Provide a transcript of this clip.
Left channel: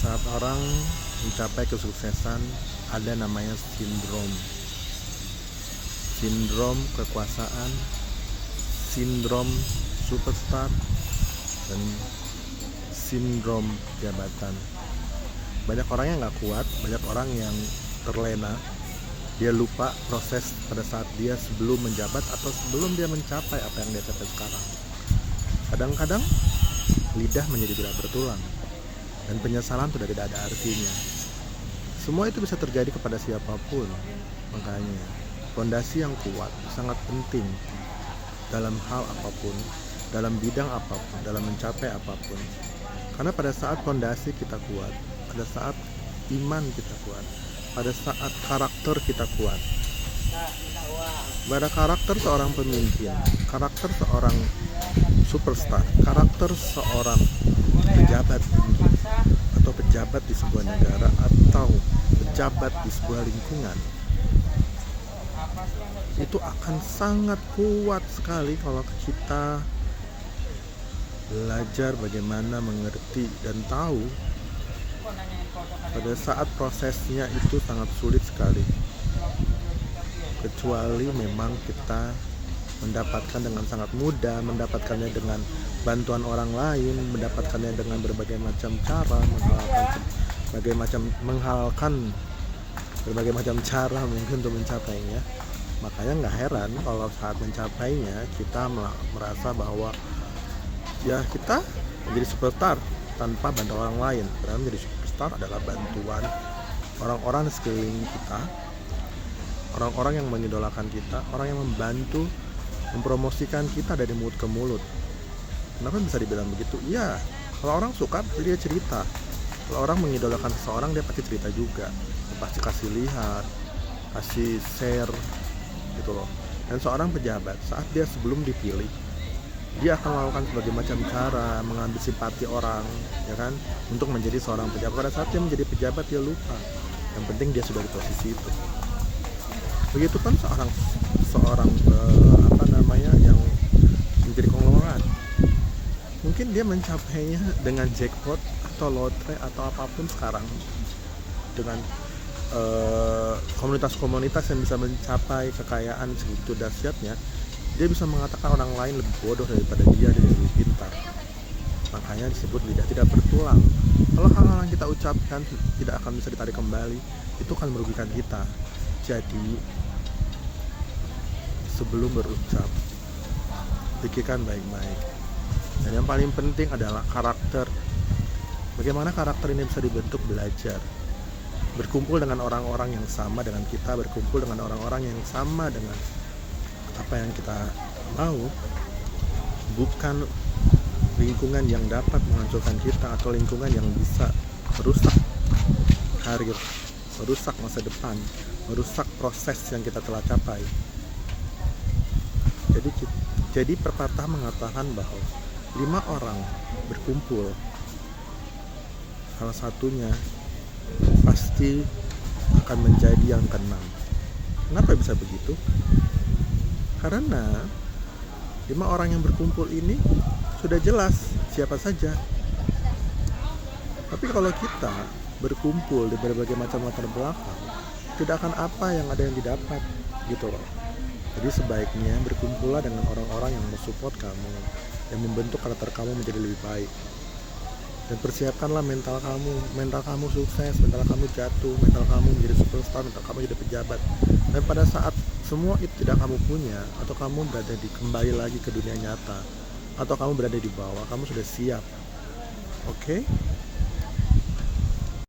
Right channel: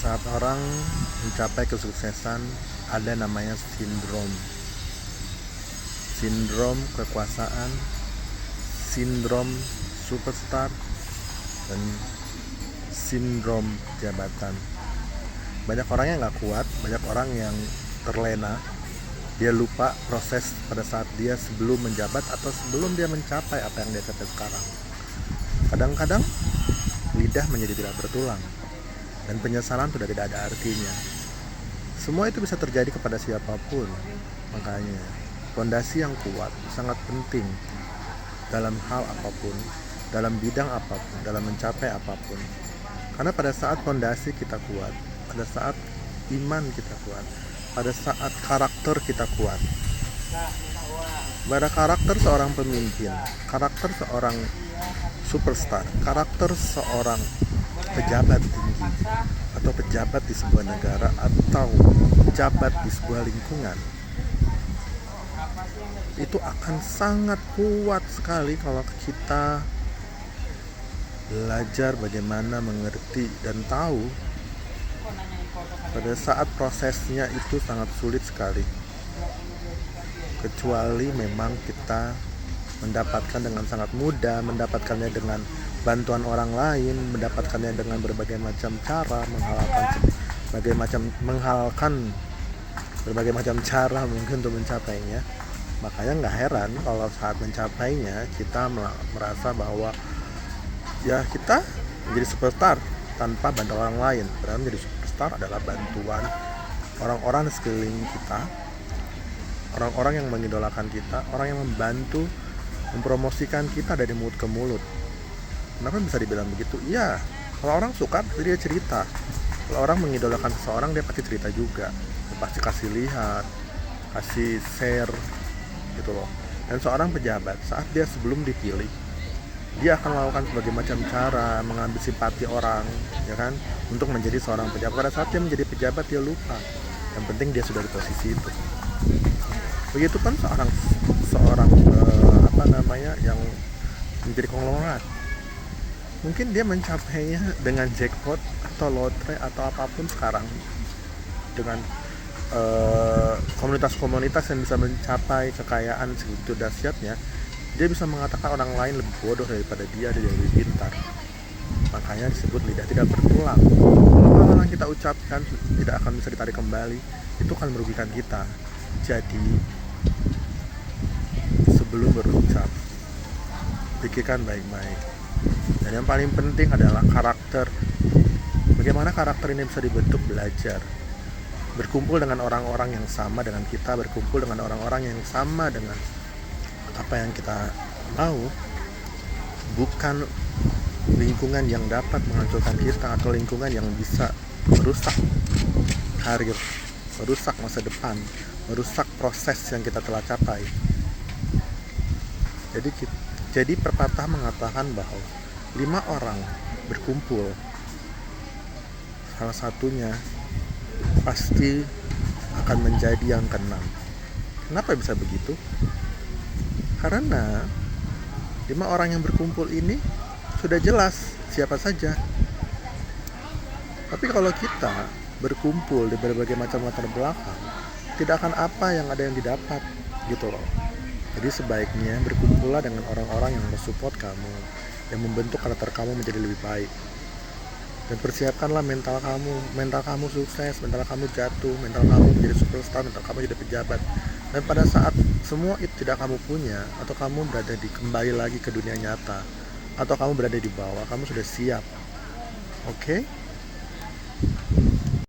Saat orang mencapai kesuksesan, ada namanya sindrom kekuasaan, sindrom superstar, dan sindrom jabatan. Banyak orang yang gak kuat, banyak orang yang terlena. Dia lupa proses pada saat dia sebelum menjabat atau sebelum dia mencapai apa yang dia capai sekarang. Kadang-kadang lidah menjadi tidak bertulang, dan penyesalan sudah tidak ada artinya. Semua itu bisa terjadi kepada siapapun. Makanya fondasi yang kuat sangat penting dalam hal apapun, dalam bidang apapun, dalam mencapai apapun. Karena pada saat fondasi kita kuat, pada saat iman kita kuat, pada saat karakter kita kuat, pada karakter seorang pemimpin, karakter seorang superstar, karakter seorang pejabat tinggi atau pejabat di sebuah negara atau pejabat di sebuah lingkungan, itu akan sangat kuat sekali kalau kita belajar bagaimana mengerti dan tahu pada saat prosesnya itu sangat sulit sekali, kecuali memang kita mendapatkan dengan sangat mudah, mendapatkannya dengan bantuan orang lain, mendapatkannya dengan berbagai macam cara, menghalalkan berbagai macam cara mungkin untuk mencapainya. Makanya nggak heran kalau saat mencapainya kita merasa bahwa ya kita menjadi superstar tanpa bantuan orang lain. Padahal menjadi superstar adalah bantuan orang-orang di sekeliling kita, orang-orang yang mengidolakan kita, orang yang membantu mempromosikan kita dari mulut ke mulut. Kenapa bisa dibilang begitu? Iya, kalau orang suka dia cerita. Kalau orang mengidolakan seseorang dia pasti cerita juga. Dia pasti kasih lihat, kasih share gitu loh. Dan seorang pejabat saat dia sebelum dipilih, dia akan melakukan berbagai macam cara mengambil simpati orang, ya kan, untuk menjadi seorang pejabat. Pada saat dia menjadi pejabat dia lupa. Yang penting dia sudah di posisi itu. Begitu kan seorang yang menjadi konglomerat, mungkin dia mencapainya dengan jackpot atau lotre atau apapun sekarang, dengan komunitas-komunitas yang bisa mencapai kekayaan segitu dahsyatnya. Dia bisa mengatakan orang lain lebih bodoh daripada dia lebih pintar. Makanya disebut lidah tidak bertulang. Kalau hal-hal yang kita ucapkan tidak akan bisa ditarik kembali, itu akan merugikan kita. Jadi sebelum berucap, pikirkan baik-baik. Dan yang paling penting adalah karakter. Bagaimana karakter ini bisa dibentuk? Belajar, berkumpul dengan orang-orang yang sama dengan kita, berkumpul dengan orang-orang yang sama dengan apa yang kita mau, bukan lingkungan yang dapat menghancurkan kita atau lingkungan yang bisa merusak karir, merusak masa depan, merusak proses yang kita telah capai. Jadi pepatah mengatakan bahwa 5 orang berkumpul, salah satunya pasti akan menjadi yang ke-6. Kenapa bisa begitu? Karena 5 orang yang berkumpul ini sudah jelas siapa saja. Tapi kalau kita berkumpul di berbagai macam latar belakang, tidak akan apa yang ada yang didapat gitu loh. Jadi sebaiknya berkumpullah dengan orang-orang yang mensupport kamu, yang membentuk karakter kamu menjadi lebih baik. Dan persiapkanlah mental kamu sukses, mental kamu jatuh, mental kamu menjadi superstar, mental kamu jadi pejabat. Dan pada saat semua itu tidak kamu punya, atau kamu berada kembali lagi ke dunia nyata, atau kamu berada di bawah, kamu sudah siap. Oke?